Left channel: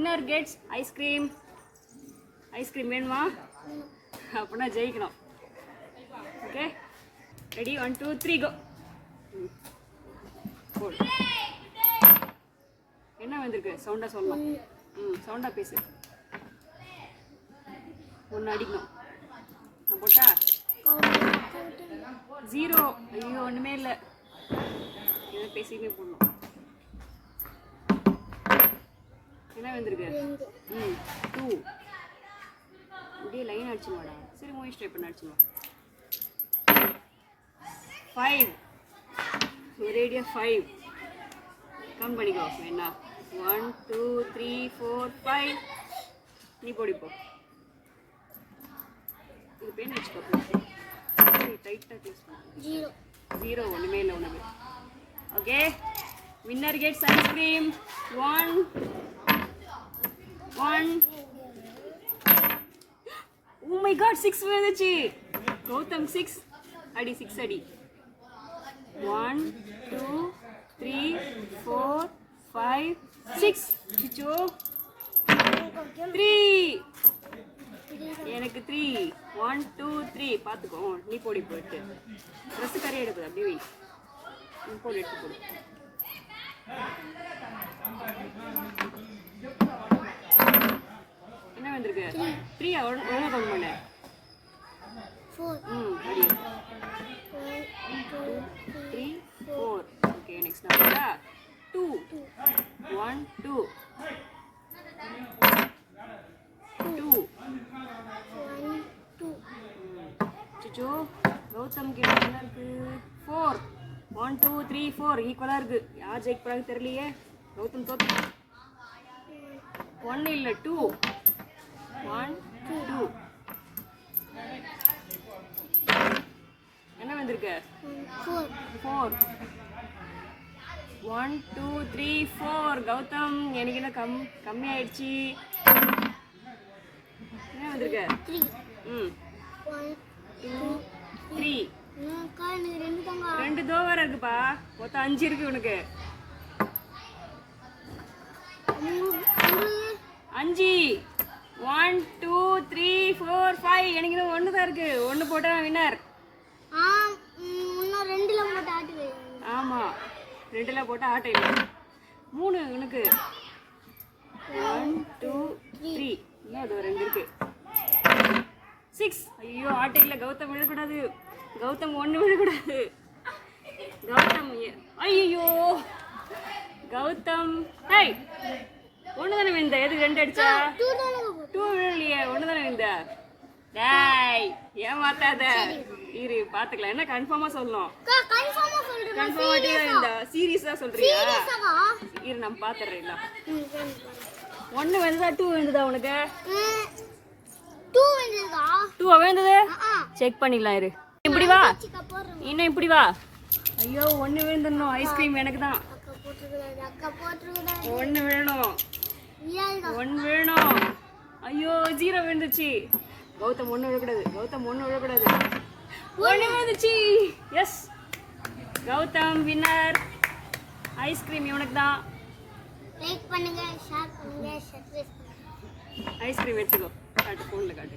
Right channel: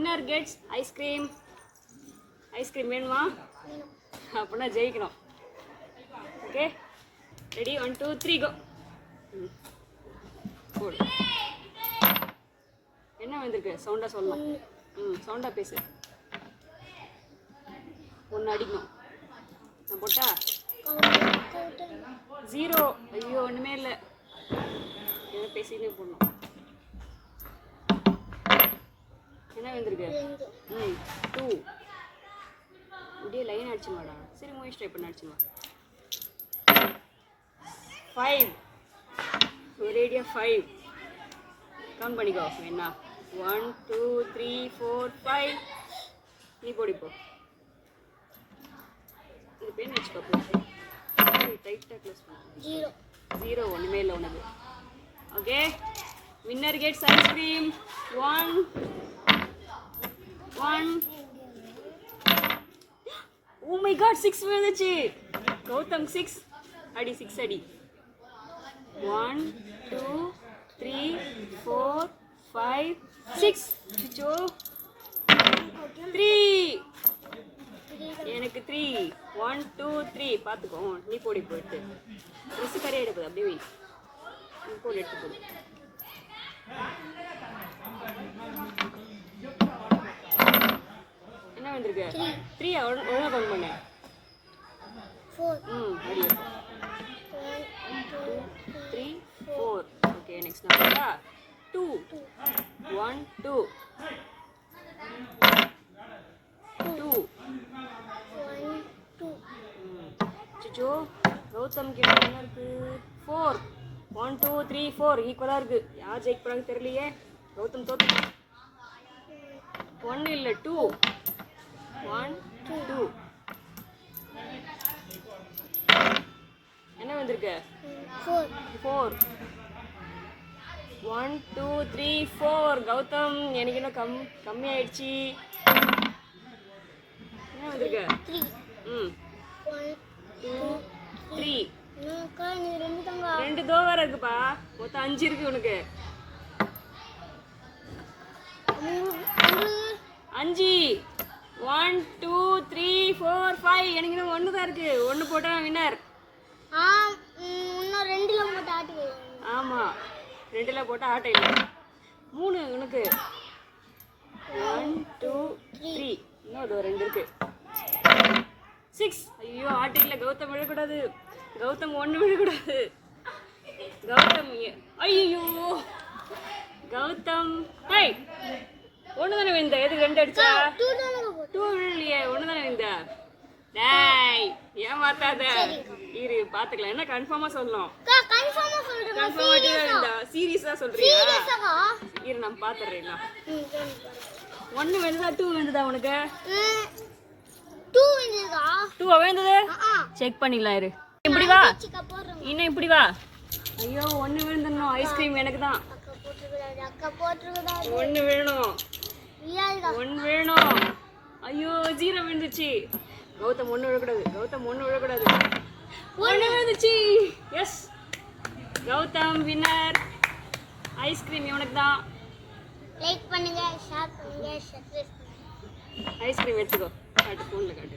Winner gets ice cream. Ice cream வேணுமா? அப்படின்னா ஜெயிக்கணும். Okay, ready? 1 2 3 கோ. என்ன வந்திருக்கு? சவுண்டா சொல்லணும். சவுண்டா பேசு. ஒன்று அடிக்கணும். நான் போட்டா 0. ஐயோ, ஒன்றுமே இல்லை. எதை பேசினே போடணும். என்ன வந்திருக்கு? 2. இப்படியே லைன் அடிச்சுமாடா. சரி, மூவி ஸ்ட்ரை பண்ண அடிச்சுமா. 5. ஒரேடியா 5. கவுண்ட் பண்ணிக்கோ. என்ன? 1 2 3 4 5. நீ போடிப்போ. இது பேன் வச்சுக்கோ. டைட்டாக க்ளோஸ் பண்ணு. 0. ஒன்றுமே இல்லை உனக்கு. Okay, winner gets ice cream. 1 oh my God, 6 வந்துச்சு. கௌதம் 6 அடி. 6 அடி. 1 2 3 4 5 6. சிச்சோ 3. எனக்கு 3. 1 2 3. பார்த்துக்கோ. நீ போடி. போயிட்டு ட்ரெஸ்ஸு கரையை எடுக்குது. அப்படியே நீ போடு. எடுத்து போடு. என்ன வந்திருக்கு? 3. ஒழுங்கா கவுண்ட் பண்ணு. 4. அடி. 1 2 3 4. ஓகே, நெக்ஸ்ட் நம்பரா 2. 1 2 2 1 2. சிச்சோ, கௌதம் கிட்ட என்ன இருக்கு? 4. 1 2 3 4 ஈக்குவலா இருக்கு. யார் ஜெயிக்க போறாங்க தெரியலையே. கௌதம் தோத்து. 1 இல்ல 2. 1 2. என்ன வந்திருக்கு? 4. 1 2 3 4. கௌதம், எனக்கு என்ன கம்மி ஆயிடுச்சு. என்ன வந்திருக்கு? 3. 1 2 3. 2 தோவா இருக்குப்பா. மொத்தம் 5 இருக்கு உனக்கு. 5. 1 2 3 4 5. எனக்கு இன்னும் 1 தான் இருக்கு. 1 போட்டா வின்னர். இன்னும் 2ல போட்டு ஆட்டு. ஆமா, 2ல போட்டா ஆட்டை இல்லை. 3 உனக்கு. 1 2 3. இன்னும் அது 2 இருக்கு. 6. ஐயோ, ஆட்டை இல்லை. கௌதம் விழக்கூடாது. கௌதம் 1 விழக்கூடாது. கௌதம் ஐயோ, கௌதம். ஹேய், 1 தானே விழுந்த. எதுக்கு 2 அடிச்சா? 2 விழலையே. 1 தானே விழுந்த. டேய், ஏமாத்தாத. இரு, பாத்துக்கலாம். என்ன கன்ஃபார்மா சொல்லணும்? கன்ஃபார்மா சீரியஸா சொல்றியா? இரு, நான் பாத்துறேன். 1 விழுந்ததா 2 விழுந்ததா உனக்கு? 2 விழுந்ததா? 2 விழுந்தது. செக் பண்ணிடலாம். இரு, இப்படி வா. இன்னும் இப்படி வா. ஐயோ, 1 விழுந்துடணும். ஐஸ்கிரீம் எனக்கு தான். 1 வேணும். 1 வேணும். ஐயோ, 0 விழுந்துச்சு. கௌதம் 1 விழக்கூடாது. கௌதம் 1 விழக்கூடாது. 1 விழுந்துச்சு. S, Gautham winner. ஐஸ்கிரீம் இவனுக்கு தான். லைக் பண்ணுங்க, ஷேர் பண்ணுங்க, சப்ஸ்கிரைப் பண்ணுங்க. ஐஸ்கிரீம் எடுத்துக்கோ. காட்டு, ஃபோனில் காட்டு.